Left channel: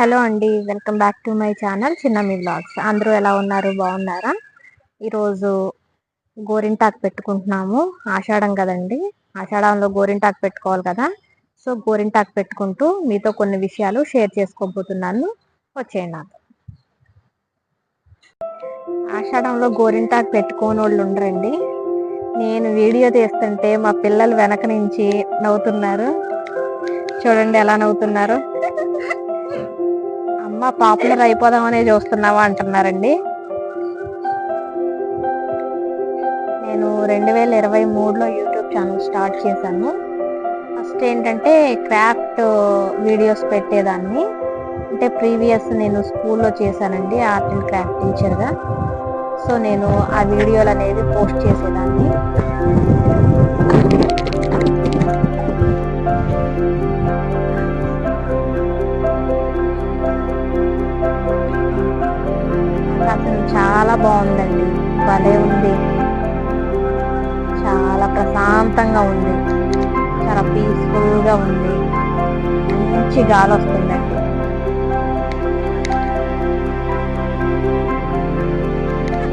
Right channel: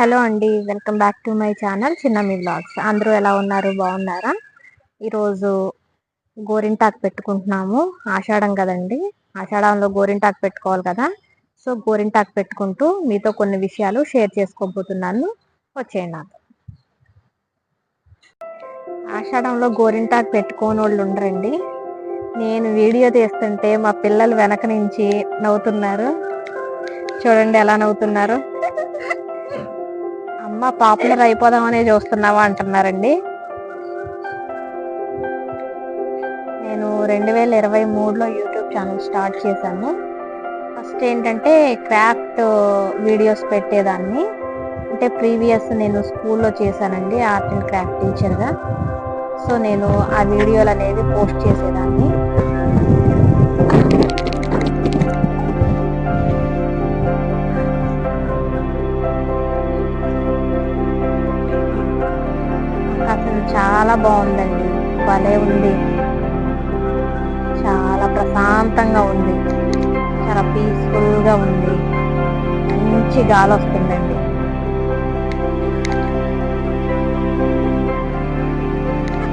Hello అండి welcome back to my channel చిన్న మీ బ్లాగ్స్ అందరూ ఎలా ఉన్నారు? బాగున్నారా? ఈరోజు గోరింటాకు పెట్టుకుంటున్నాము. ఆషాఢం కదండి. ఆషాఢంలో గోరింటాకు పెట్టుకోవాలి కదా. సో గోరింటాకు పెట్టుకుంటూ మీతో కొన్ని విషయాలు షేర్ చేసుకోబోతున్నాను. వచ్చేయండి నాకు ఆషాఢంలో గోరింటాకు పెట్టుకోని వాళ్ళు ఉండరండి. నేను వీడియో తీస్తుంటే మా పిల్లలు వెనక నుంచి నవ్వుతున్నారు. చూడండి ఎలా నవ్వుతున్నారు. అమ్మ పాపులర్ అయిపోదామనే చూస్తున్నావా అంటున్నారండి. నేను రెండు వేల ఇరవై మూడులో యూట్యూబ్ ఛానల్ స్టార్ట్ చేశాను. ఫస్ట్ ఏంటంటే క్రాఫ్ట్ వీడియోస్ పెట్టేదాన్ని. అంటే ప్రీవియస్ నేను స్కూల్లో చేశానండి ఆర్ట్ అండ్ క్రాఫ్ట్ టీచర్గా. సో నేను ఆ వీడియోలు అనేది పోస్ట్ చేసేదాన్ని. చాలా బాగుందండి. భలే ఉంది. చాలా ప్రశాంతంగా ఉంది. చాలా పీస్ఫుల్గా ఉంది. మంచి గాలి వస్తుందండి.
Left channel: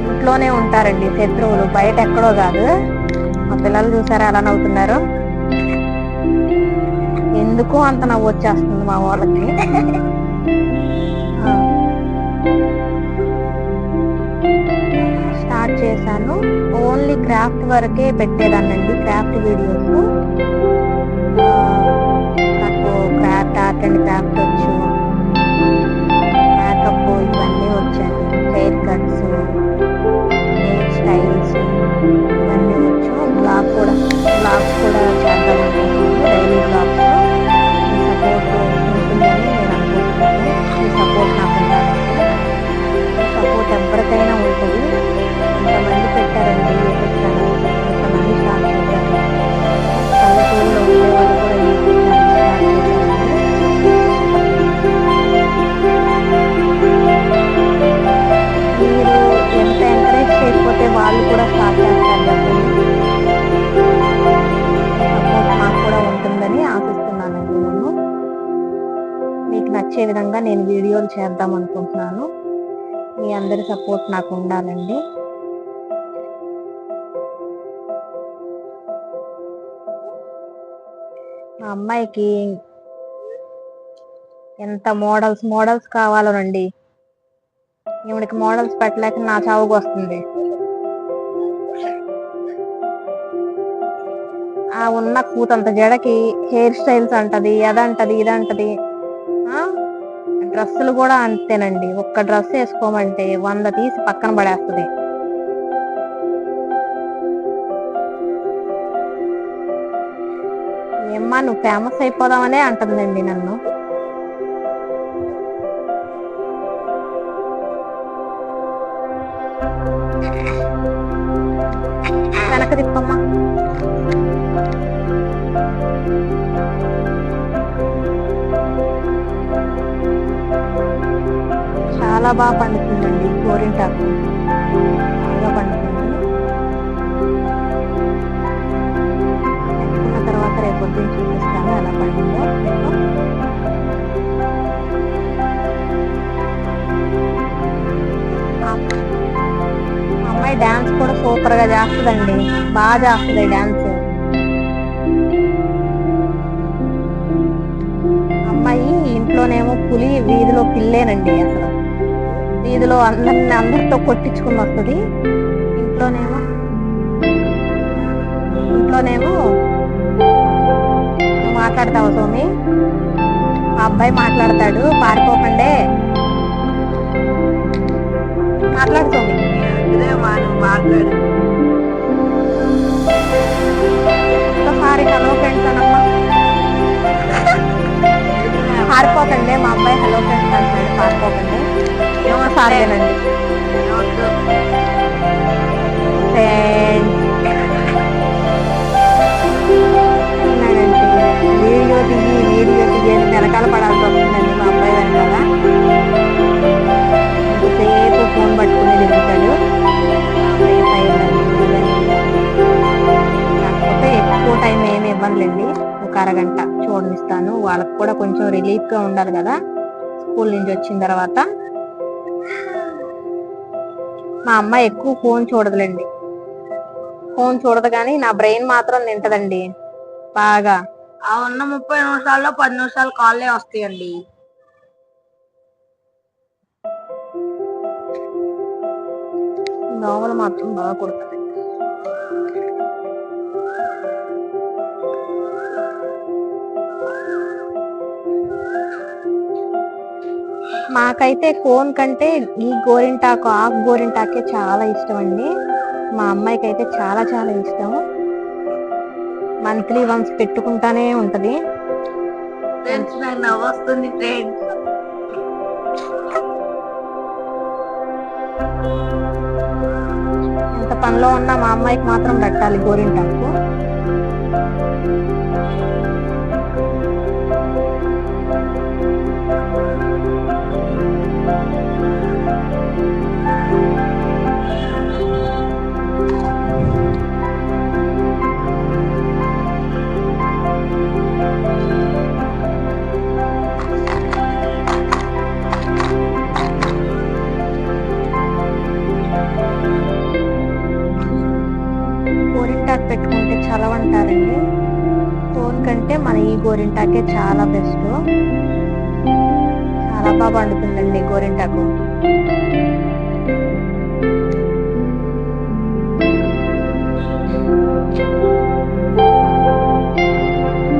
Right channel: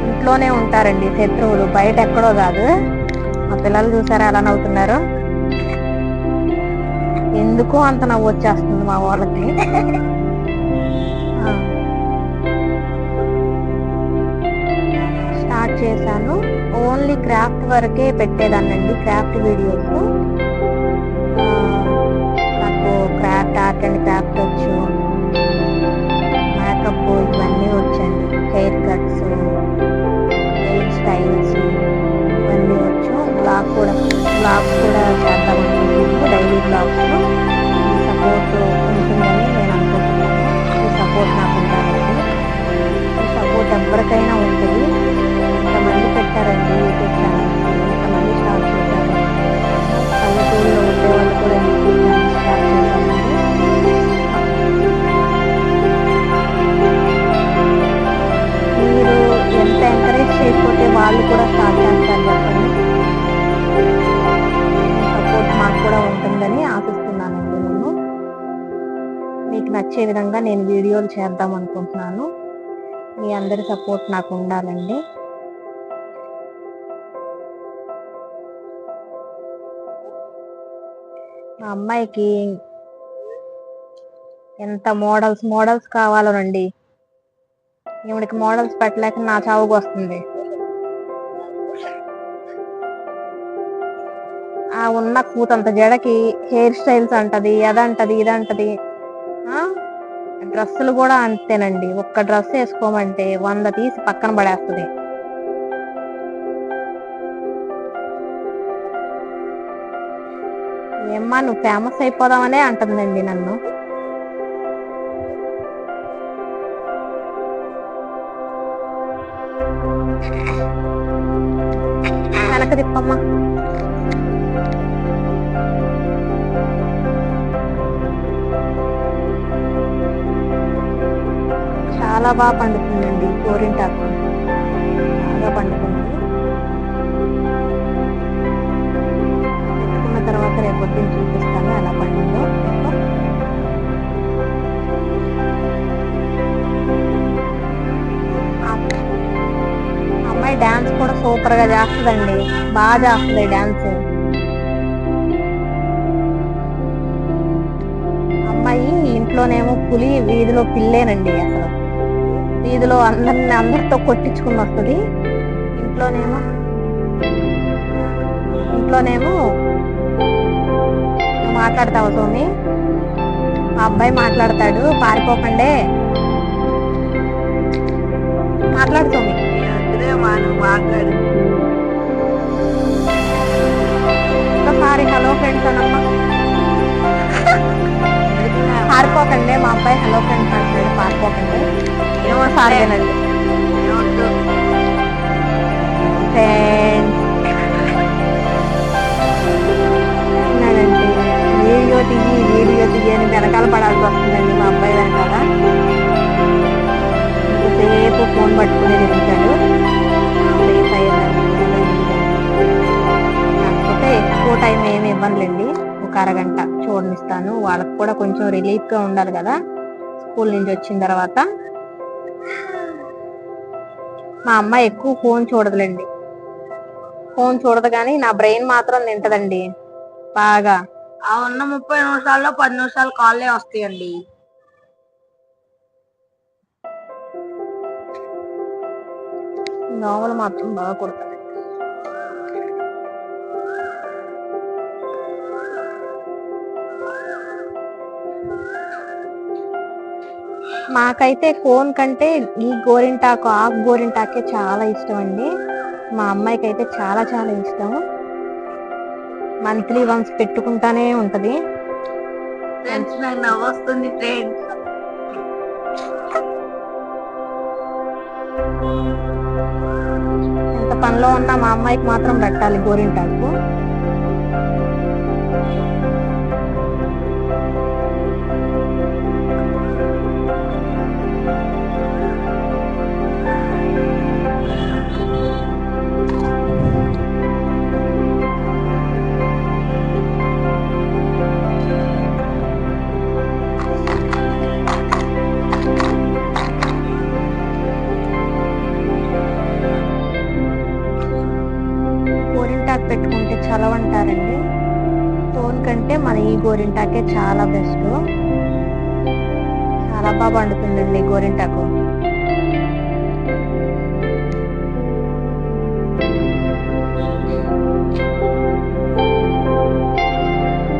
ఇంట్లోనే ఉంటారండి శత్రువులు. బయట ఎక్కడో కాదు. మా పిల్లలు చూసారా ఎలా నవ్వుతున్నారు? ఎందుకు అంత నవ్వు వచ్చేస్తుంది మా వాళ్ళకి. స్టార్ట్ చేశాను. ఓన్లీ క్రాఫ్ట్ వరకే పెట్టేదాన్నండి క్రాఫ్ట్ వీడియోస్. నాకు క్రాఫ్ట్ ఆర్ట్ అండ్ క్రాఫ్ట్ వచ్చు. మేకప్ ఇవన్నీ వచ్చండి హెయిర్ కట్స్ హెయిర్ స్టైల్స్ ఇవన్నీ వచ్చు. బ్లాగ్ కూడా బ్లాగ్స్ కూడా చేద్దాం అనుకుంటున్నాను. డైలీ బ్లాగ్స్ మీ సపోర్ట్ ఉంటుందని నేను అనుకుంటున్నాను. మీ సపోర్ట్ నాకు ఉండాలండి. మీ సపోర్ట్ ఎవరికైనా ఉంటుంది. పెట్టారండి యూట్యూబ్ ఛానల్. ఇంతమంది స్టార్ట్ చేశారు. పల్లెటూరులో ఉండే వాళ్ళు కూడా యూట్యూబ్ ఛానల్ స్టార్ట్ చేశారండి. మీరు ఎంత ఎంకరేజ్ చేయకపోతే వాళ్ళు కూడా స్టార్ట్ చేస్తారు చెప్పండి. మీ సపోర్ట్ మాకు కూడా ఉంటుందని ఆశిస్తున్నానండి నేను. మీకు నచ్చే విధంగా నేను వీడియోలు చేద్దాం అనుకుంటున్నాను. మీ అందరి సపోర్ట్ నాకు ఉండాలండి. మా అమ్మాయికి ఎంత మోడల్స్ మోడల్స్ కావాలోనండి. ఈవిడికి మోడల్స్ పెట్టలేక నా చావుకు వస్తుంది. ఆ ఉన్న కూతంత జడకి హెయిర్ స్టైల్స్ అంటది అదంటది ఇదంటది. డ్రెస్సులు కూడా అంతేనండి. ఒక్క డ్రెస్ వేసుకోమంటే వంద తీసి పక్కన పడేస్తుంది. ఏమ్మా నువ్వు ఫేమస్ అయిపోదామనే అంటుందండి నన్ను. వెనక తిప్పమ్మా. చాలా బాగా పండుతుందండి గోరింటాకు. బాగా పండుతుంది. తర్వాత రేపు పొద్దున్న చూపిస్తాను. ఎలా పండిందో మీకు. అమ్మాయి డాన్స్ కూడా సూపర్గా చేస్తుందండి. బాగా చేస్తుంది డాన్స్. అమ్మాయి ఇంట్లోనేమో పులి వీధిలో పిల్లేనండి అసలు. వీధిలో అందరిని అందరితో కొట్టించుకుని వస్తుంది ఇంట్లోనేమో ఇంట్లోనేమో మాట్లాడతావు సోమి? మా అబ్బాయి మాట్లాడతాడు పారిపోకండే. మాట్లాడు సోమి. మాట్లాడు. ఒకసారి హలో ఫ్రెండ్స్ అనమ్మా. పారిపోకండి మా అబ్బాయి హలో ఫ్రెండ్స్ అంటున్నాడు పారిపోకండి. ఏమోసారి వినండి. ఫ్రెండ్స్ ఉన్నాడంటే వీడియో దిగి వీడియో దిగి అని వెనకాల పడాల్సి వస్తుందండి మా అబ్బాయి వెనకాల. ఇంతసేపు ఫోన్ పట్టుకునే తిరుగుతాడు. సేఫ్ అయ్యిందండి కాకపోతే ఎక్కువ టైం ఏమి ఇవ్వనులేండి. ఒక అరగంట చూడనిస్తాను. వాళ్ళకి కూడా కొంచెం రిలీఫ్గా ఉండాలి కదా. స్కూల్ నుంచి వచ్చిన తర్వాత. మా అమ్మ ఎక్కువ ఫోన్ చూడదులేండి. ఫోన్ చూడదు కానీ నా బ్రెయిన్ మాత్రం తింటదండి. బాగా. ఆ ఉన్న ముప్పై నిమిషాల్లో పది నిమిషాలు కాళ్ళే వస్తాయండి. దోమలు మాత్రం బాగా కుడతాయి మాకైతే కోన్ కంటే ఈ గోరింటాకు ఆకు గోరింటాకే చాలా ఇష్టం అండి మా అమ్మాయికి అయితే చాలా చాలా ఇష్టం. మంత్లీ వన్స్ పెట్టుకుంటానే ఉంటది. వస్తుంది ఫ్రెండ్స్ ఎంత పనిలో ఉన్నా మా అమ్మాయికి మాత్రం పెట్టాలి గోరింటాకు. పెట్టుకుంటే చలవంటారండి ఫోన్ కంటే మన ఈ గోరింటాకే చాలా బెస్ట్. చాలా బాగా పండుతుందండి గోరింటాకు.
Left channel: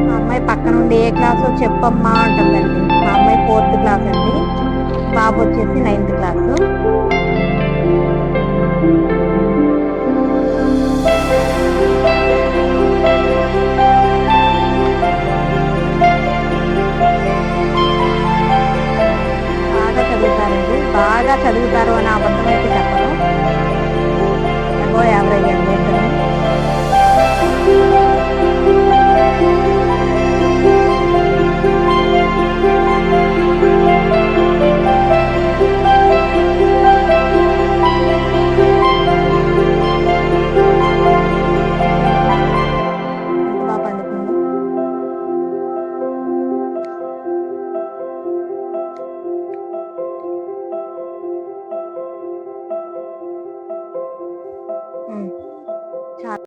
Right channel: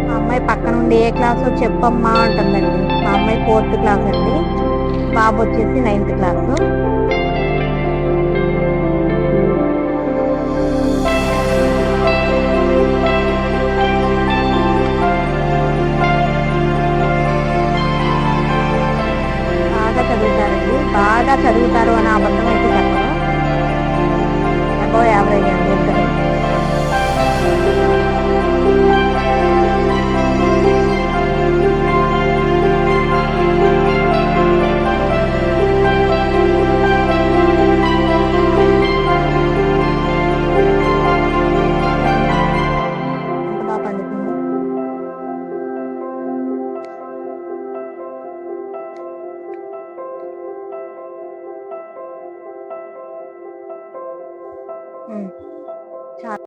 మా అమ్మాయి పక్క నుండి ఏ క్లాసో చెప్పమ్మా అంటుందండి. మా అమ్మాయి ఫోర్త్ క్లాస్ అండి బాబు వచ్చేసి నైన్త్ క్లాసు. బాగా చదువుతారు అని అబద్ధం అయితే చెప్పరు. అబో యావరేజ్ అండి ఇద్దరు. ఎంత బాగా పండుతుంది?